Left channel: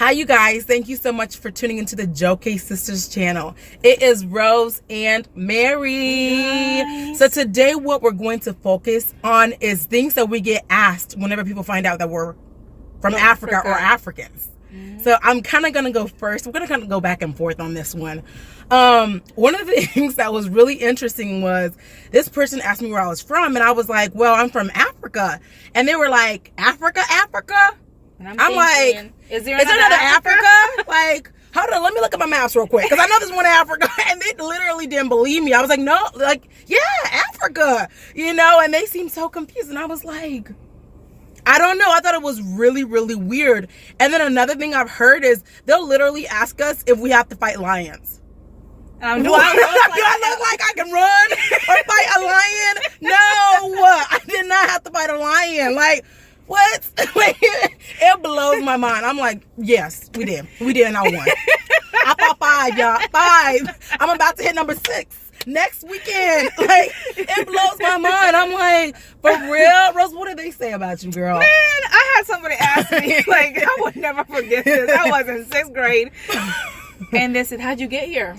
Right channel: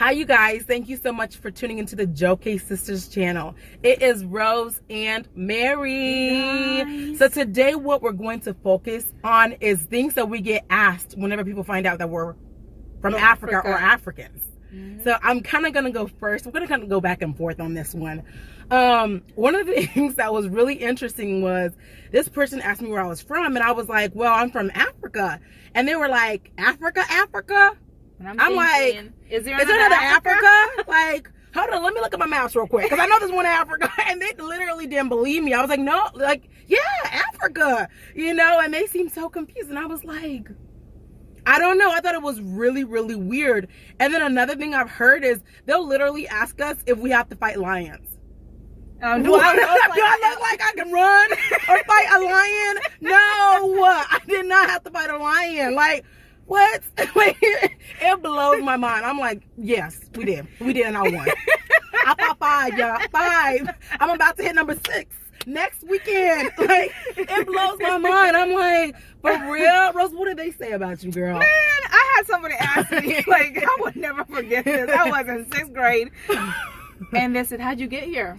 Hi, you guys. Thank you so much for tuning into the Joe K Sisters channel. It is Rose and Mary. Hey, so today what we're going to focus on is things that we get asked whenever people find out that we're from Africa or Africans. Mm-hmm. So I'm kind of going to go first. We're going to kind of go back and forth on this one. One of the things that was really interesting was this person asked me where I was from, and I was like, well, I'm from Africa. And they were like, Africa? And I'm like, is there another Africa? Like, hold on, let me look at my maps real quick. Because I know there's one Africa. And they literally didn't believe me. I was like, no, like, yeah, Africa. You know, and they seemed so confused. And I was like, I don't know. I thought it was really, really weird. And then another thing I've heard is they'll literally ask us if we have to fight lions. Do I look like I can run or fight a lion? No, I did not have to fight a lion. Like, what? Like, it blows my mind. I'm like, yes, we did. We did, and I won. I fought 5, y'all. 5. I'm about to hit number 6 next weekend. Like, it blows my mind. I'm like, for real? Rose, what did they say about you, girl? Man, I had somebody ask me, like, I would never forget this. I was in 6th grade. And they said, how'd you get here?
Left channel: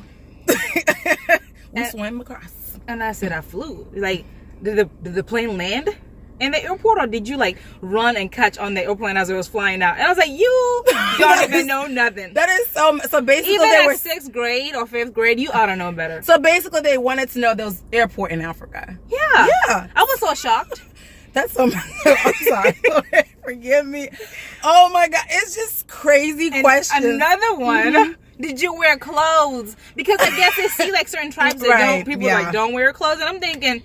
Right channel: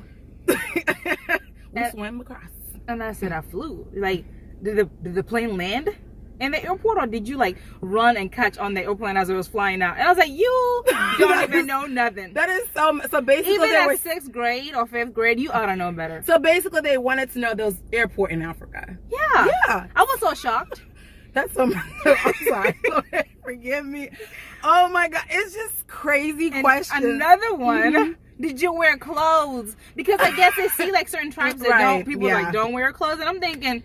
We swam across. And I said, I flew. Like, did the plane land in the airport, or did you like run and catch on the airplane as it was flying out? And I was like, you don't even know nothing. That is so basically even they at were 6th grade or 5th grade, you ought to know better. So basically they wanted to know there was airport in Africa. Yeah. Yeah. I was so shocked. That's so I'm sorry. Forgive me. Oh my God. It's just crazy questions. Another one. Mm-hmm. Did you wear clothes? Because I guess they see like certain tribes that don't. People like don't wear clothes, and I'm thinking,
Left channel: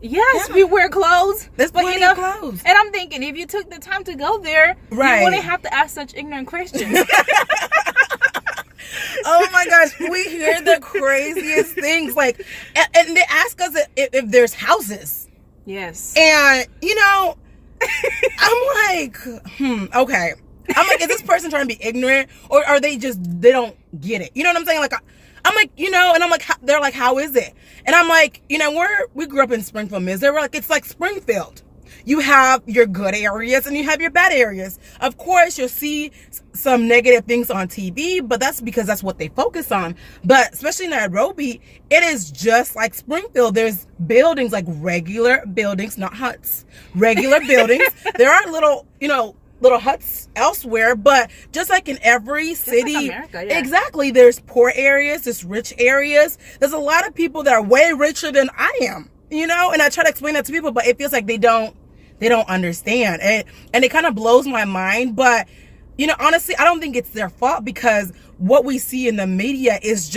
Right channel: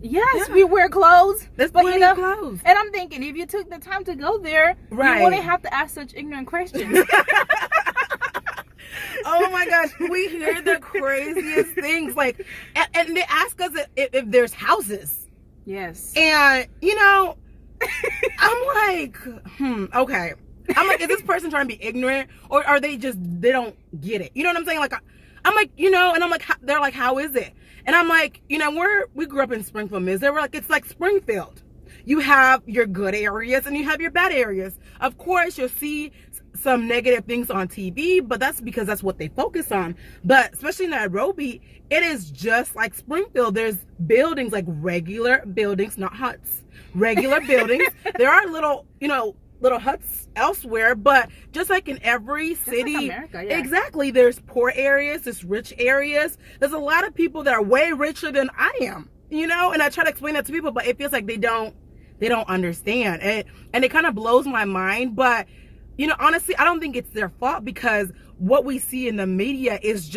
yes, we wear clothes. There's plenty of clothes. And I'm thinking, if you took the time to go there, you wouldn't have to ask such ignorant questions. Oh my gosh, we hear the craziest things. Like, and they ask us if there's houses. Yes. And you know, I'm like, okay. I'm like, is this person trying to be ignorant, or are they don't get it? You know what I'm saying? Like, I'm like, you know, and I'm like, they're like, how is it? And I'm like, you know, we grew up in Springfield, Missouri. We're like, it's like Springfield. You have your good areas and you have your bad areas. Of course, you'll see some negative things on TV, but that's because that's what they focus on. But especially in Nairobi, it is just like Springfield. There's buildings, like regular buildings, not huts, regular buildings. There are little huts elsewhere, but just like in every city, like America, yeah. Exactly, there's poor areas, there's rich areas. There's a lot of people that are way richer than I am, you know, and I try to explain that to people, but it feels like they don't understand, and it kind of blows my mind. But you know, honestly, I don't think it's their fault, because what we see in the media is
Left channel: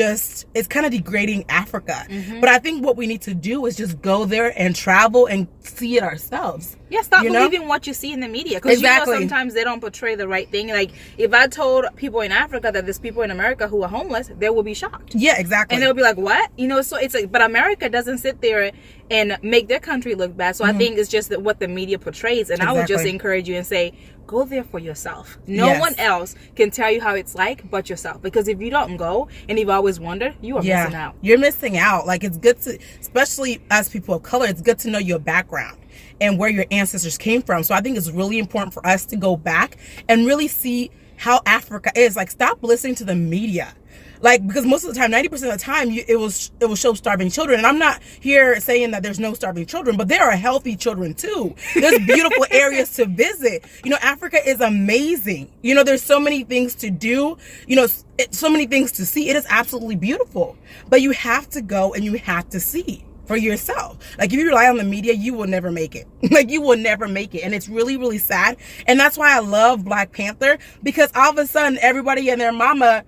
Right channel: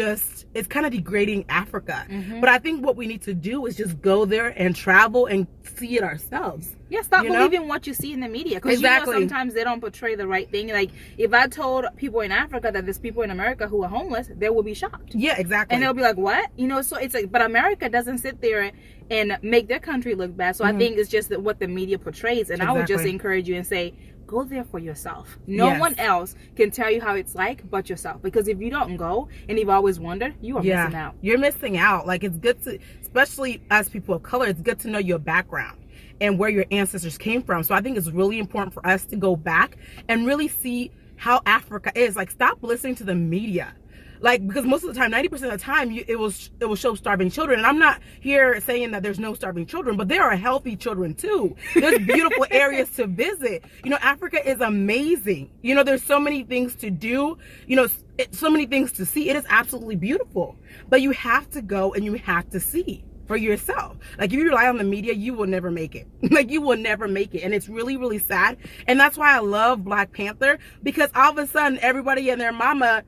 it's kind of degrading Africa. Mm-hmm. But I think what we need to do is just go there and travel and see it ourselves. Yeah, stop believing what you see in the media. Because you know, sometimes they don't portray the right thing. Like, if I told people in Africa that there's people in America who are homeless, they will be shocked. Yeah, exactly. And they'll be like, what? You know, so it's like, but America doesn't sit there and make their country look bad. So I think it's just what the media portrays. And I would just encourage you and say, go there for yourself. No one else can tell you how it's like but yourself. Because if you don't go and you've always wondered, you are missing out. You're missing out. Like, it's good to, especially as people of color, it's good to know your background and where your ancestors came from. So I think it's really important for us to go back and really see how Africa is. Like, stop listening to the media. Like, because most of the time, 90% of the time, it will show starving children. And I'm not here saying that there's no starving children, but there are healthy children too. There's beautiful areas to visit. You know, Africa is amazing. You know, there's so many things to do. You know, so many things to see. It is absolutely beautiful. But you have to go and you have to see for yourself. Like, if you rely on the media, you will never make it. Like, you will never make it. And it's really, really sad. And that's why I love Black Panther, because all of a sudden, everybody and their mama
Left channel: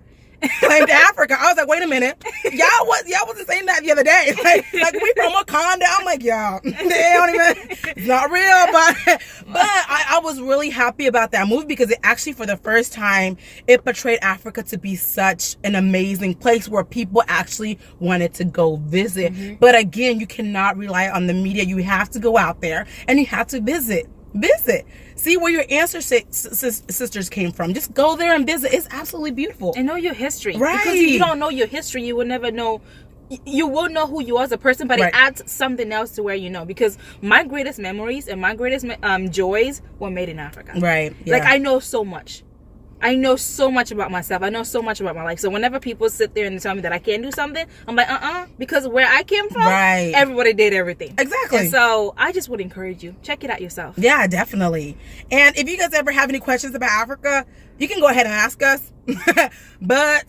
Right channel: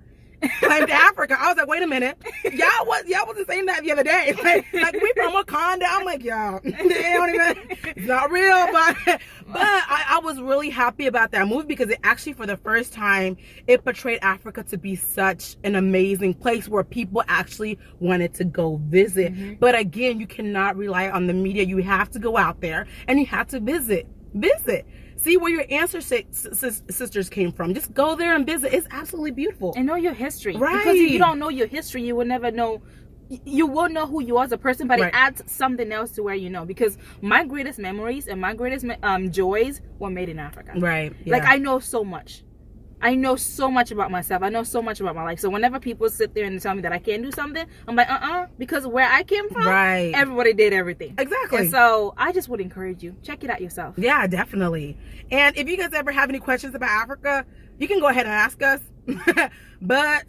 claimed Africa. I was like, wait a minute, y'all wasn't saying that the other day. Like we from Wakanda. I'm like, y'all, they don't even. It's not real, but I was really happy about that movie, because it actually, for the first time, it portrayed Africa to be such an amazing place where people actually wanted to go visit. Mm-hmm. But again, you cannot rely on the media. You have to go out there and you have to visit. See where your ancestors came from. Just go there and visit. It's absolutely beautiful. And know your history. Right. Because if you don't know your history, you will never know. You will know who you are as a person, but it adds something else to where you know. Because my greatest memories and my greatest joys were made in Africa. Right. Yeah. Like, I know so much. I know so much about myself. I know so much about my life. So whenever people sit there and tell me that I can't do something, I'm like, because where I came from, everybody did everything. Exactly. And so I just would encourage you, check it out yourself. Yeah, definitely. And if you guys ever have any questions about Africa, you can go ahead and ask us. But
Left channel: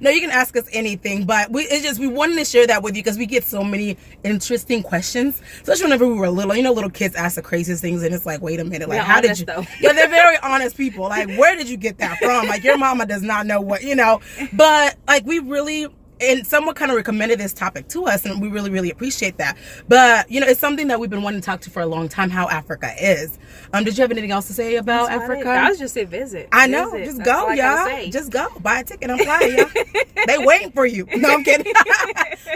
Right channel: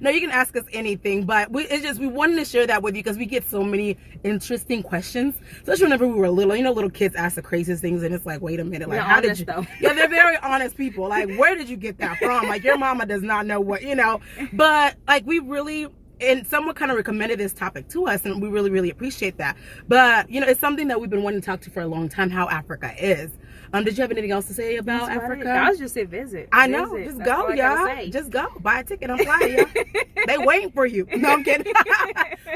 no, you can ask us anything. But we wanted to share that with you because we get so many interesting questions, especially whenever we were little. You know, little kids ask the craziest things, and it's like, wait a minute, like, how did you? Yeah, they're very honest people. Like, where did you get that from? Like, your mama does not know what, you know. But like, we really. And someone kind of recommended this topic to us, and we really, really appreciate that. But, you know, it's something that we've been wanting to talk to for a long time, how Africa is. Did you have anything else to say about Africa? I was just say visit. I know. Just go, y'all. Just go. Buy a ticket. I'm flying, y'all. They waiting for you. No, I'm kidding.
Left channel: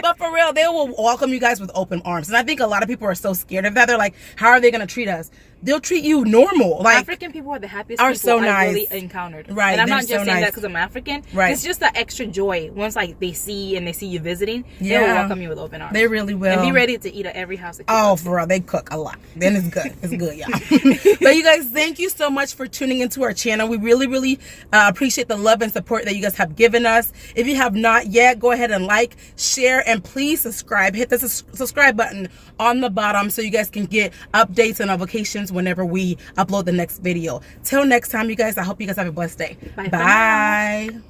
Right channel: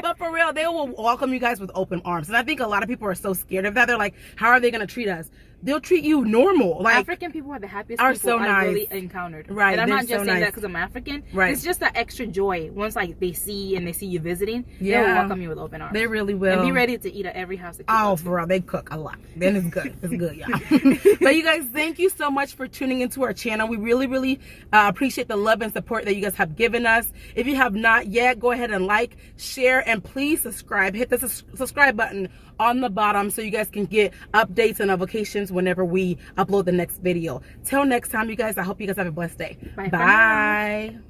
But for real, they will welcome you guys with open arms. And I think a lot of people are so scared of that. They're like, how are they going to treat us? They'll treat you normal. Like, African people are the happiest people I've really encountered. Right. And I'm not just saying that because I'm African. Right. It's just that extra joy. Once like they see you visiting, they will welcome you with open arms. They really will. And be ready to eat at every house that you go to. For real, they cook a lot. Then it's good. It's good, y'all. But you guys, thank you so much for tuning into our channel. We really, really appreciate the love and support that you guys have given us. If you have not yet, go ahead and like, share, and please subscribe. Hit the subscribe button on the bottom so you guys can get updates and notifications whenever we upload the next video. Till next time, you guys, I hope you guys have a blessed day. Bye. Bye.